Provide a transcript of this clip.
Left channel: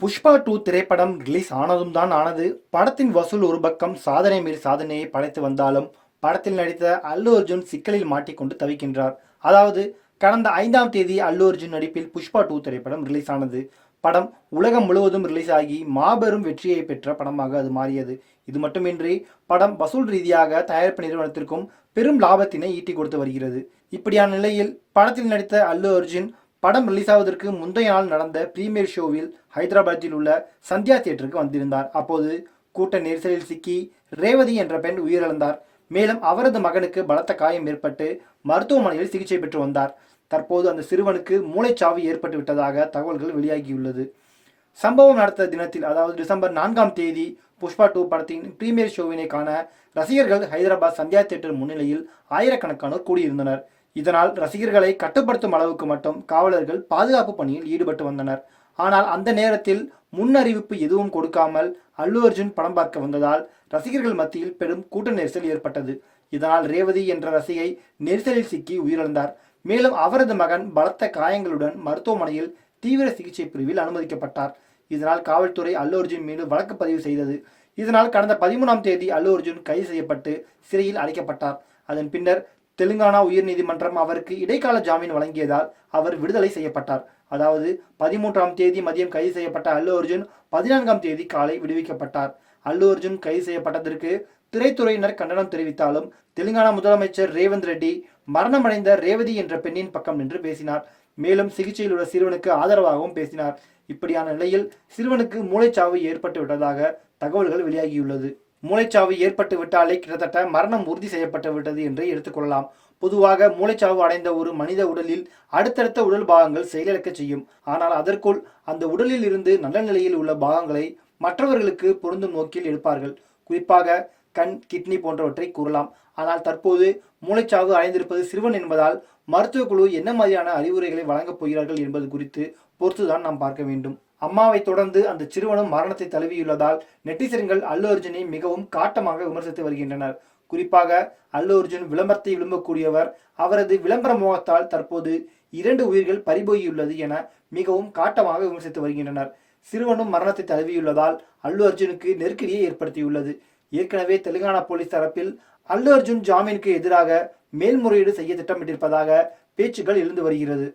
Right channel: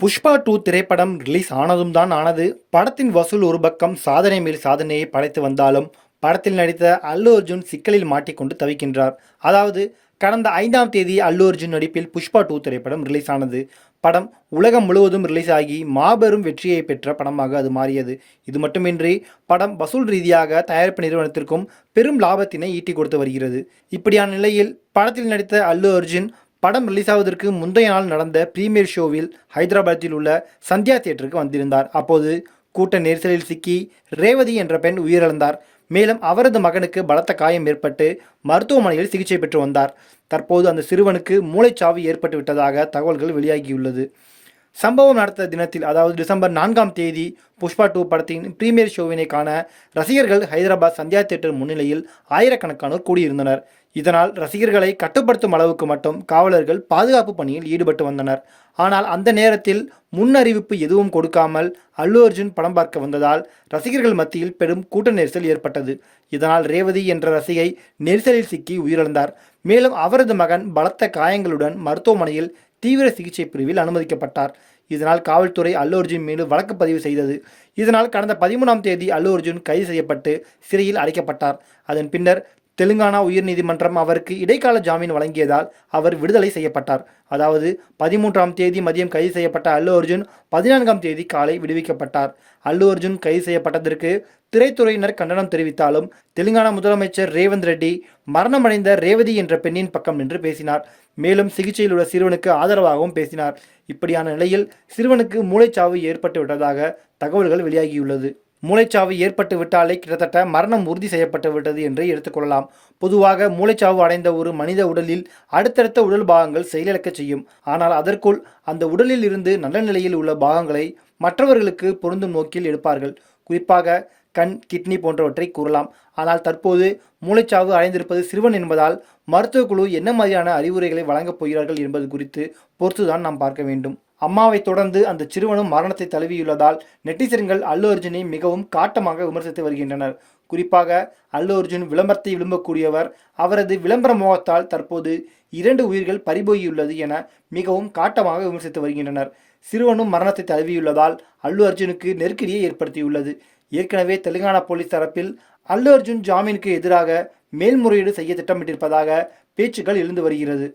புஷ்பா 2 திரைப்படம் ரிலீஸ் ஆனதும் தான் ஆனது. படத்தின் வசூல் ஒரு பக்கம் சாதனை மேல் சாதனையை படைத்து வந்தாலும், படத்தில் நடித்த அல்லு அர்ஜுன் சிக்கலில் மாட்டிக்கொண்டு தவிக்கின்றார். அதாவது, கடந்த 5ஆம் தேதி அல்லு அர்ஜுன் நடிப்பில் புஷ்பா 2 திரைப்படம் ரிலீஸ் ஆனது. படம் உலகம் முழுவதும் ரிலீஸ் ஆகி மாபெரும் வெற்றியை பெற்ற படமாக அது மாறியது. இது மட்டுமின்றி, படம் வசூல் ரீதியாக தயாரிப்பு நிறுவனத்திற்கும் பெரும் லாபத்தினை ஈட்டி கொடுத்து வருகிறது. இப்படியான நிலையில், படத்தில் நடித்த அல்லு அர்ஜுன் படம் ரிலீஸ் ஆவதற்கு முந்தைய நாள் நடந்த பிரீமியர் ஷோவில் ஹைதராபாத்தில் உள்ள சந்தியா தியேட்டருக்கு வந்திருந்தார். அப்போது கூட்ட நெரிசலில் சிக்கி ரேவதி என்ற பெண் உயிரிழந்தார். மேலும் அவரது மகனுக்கு பலத்த காயம் ஏற்பட்டு மருத்துவமனையில் சிகிச்சை பெற்று வந்தார். தற்போது அந்த சிறுவனுக்கு மூளைச்சாவு ஏற்பட்டு விட்டதாக தகவல்கள் வெளியாகியுள்ளது. சம்பவம் நடந்த தினத்தில், அதாவது டிசம்பர் 4ஆம் தேதி புஷ்பா 2 படத்தின் பிரீமியர் ஷோவினை காண ரசிகர்கள் ஹைதராபாத் சந்தியா தியேட்டர் முன்னிலையில் ஆயிரக்கணக்கானோர் கூடியிருந்தனர். இதனால் ரசிகர்களை கட்டுப்படுத்தும் அளவுக்கு மட்டும் காவலர்கள் பாதுகாப்பு பணியில் ஈடுபட்டு வந்தனர். ஆனால் அந்த நேரத்தில் முன் அறிவிப்பு எதுவும் கொடுக்காமல் அல்லு அர்ஜுன் படம் பார்க்க வந்ததால் ரசிகர்கள் மத்தியில் பெரும் கூட்ட நெரிசல் ஏற்பட்டது. இதனால் ரேவதி என்ற ரசிகை நெரிசலில் சிக்கி உயிரிழந்தார். மேலும் அவரது மகன் பலத்த காயங்களுடன் மருத்துவமனையில் தீவிர சிகிச்சை பிரிவில் அனுமதிக்கப்பட்டார். இதனால் காவல்துறை அல்லு அர்ஜுன் மீது வழக்கு பதிவு செய்தது. இதனால் கடந்த 13ஆம் தேதி அல்லு அர்ஜுன் கைது செய்யப்பட்டு சிறையில் அடைக்கப்பட்டார். அதன் பின்னர் தெலுங்கானா உயர்நீதிமன்றம் அவருக்கு இடைக்கால ஜாமீன் வழங்கியதால் அவர் விடுதலை செய்யப்பட்டார். அதாவது 13ஆம் தேதி மதியம் கைது செய்யப்பட்ட அல்லு அர்ஜுன் 14ஆம் தேதி காலை விடுவிக்கப்பட்டார். அல்லு அர்ஜுன் கைது செய்யப்பட்டதற்கு திரைத்துறையினர் கண்டனம் தெரிவித்தாலும், தெலுங்கானா முதலமைச்சர் ரேவந்த் ரெட்டி மரணமடைந்த ரேவதி என்ற பெண்ணின் பக்கம் நின்று பேசினார். மேலும் சிகிச்சையில் உள்ள சிறுவனுக்கு ஆதரவாகவும் பேசினார். இப்படியான நிலையில் சிறுவனுக்கு மூளைச்சாவு ஏற்பட்டு விட்டதாக தகவல்கள் வெளியாகியுள்ளது. மூளைச்சாவு ஏற்பட்டு விட்டாலே கிட்டத்தட்ட மரணம் உறுதி செய்யப்பட்டு விட்டது என்று எடுத்துக்கொள்ளலாம். பொதுவாக மூளைச்சாவு அடைந்த ஒரு மனித உடலில் அடுத்தடுத்த உடல் பாகங்கள் செயலிழக்க செய்யும். ஆனால் அதற்குள் அந்த உடலில் இருந்து நல்ல நிலையில் உள்ள பாகங்களை மற்றவர்களுக்கு பொருந்தும் நோக்கில் எடுப்பார்கள். குறிப்பாக கண், கிட்னி போன்றவற்றை கூறலாம். ஆனால் தற்போது மூளைச்சாவு அடைந்திருப்பது சிறுவன் என்பதால் மருத்துவக் குழு என்ன மாதிரியான அறிவுரைகளை வழங்கப் போகிறார்கள் என்பது குறித்து பொறுத்துதான் நாம் பார்க்க வேண்டும். அம்மாவை தொடர்ந்து அந்த சிறுவனும் மரணத்தை தழுவியுள்ளதால் நெட்டிசன்கள் அல்லு அர்ஜுனை மிகவும் காட்டமாக விமர்சித்து வருகின்றனர். குறிப்பாக அல்லு அர்ஜுன் விளம்பரத்தை விரும்பக்கூடியவர். அவரது விளம்பர மோகத்தால் தற்போது 2 உயிர்கள் பறிபோயுள்ளது என மிகவும் காட்டமாக விமர்சித்து வருகின்றனர். சிறுவனும் மரணத்தை தழுவியுள்ளதால் அல்லு அர்ஜுனுக்கு நெருக்கடியை ஏற்படுத்தியுள்ளது. ஏற்கனவே தெலுங்கானா போலீஸ் தரப்பில் அல்லு அர்ஜுன் ஜாமீனுக்கு எதிராக மேல்முறையீடு செய்ய திட்டமிட்டிருப்பதாக பேச்சுக்கள் எழுந்து வருகிறது.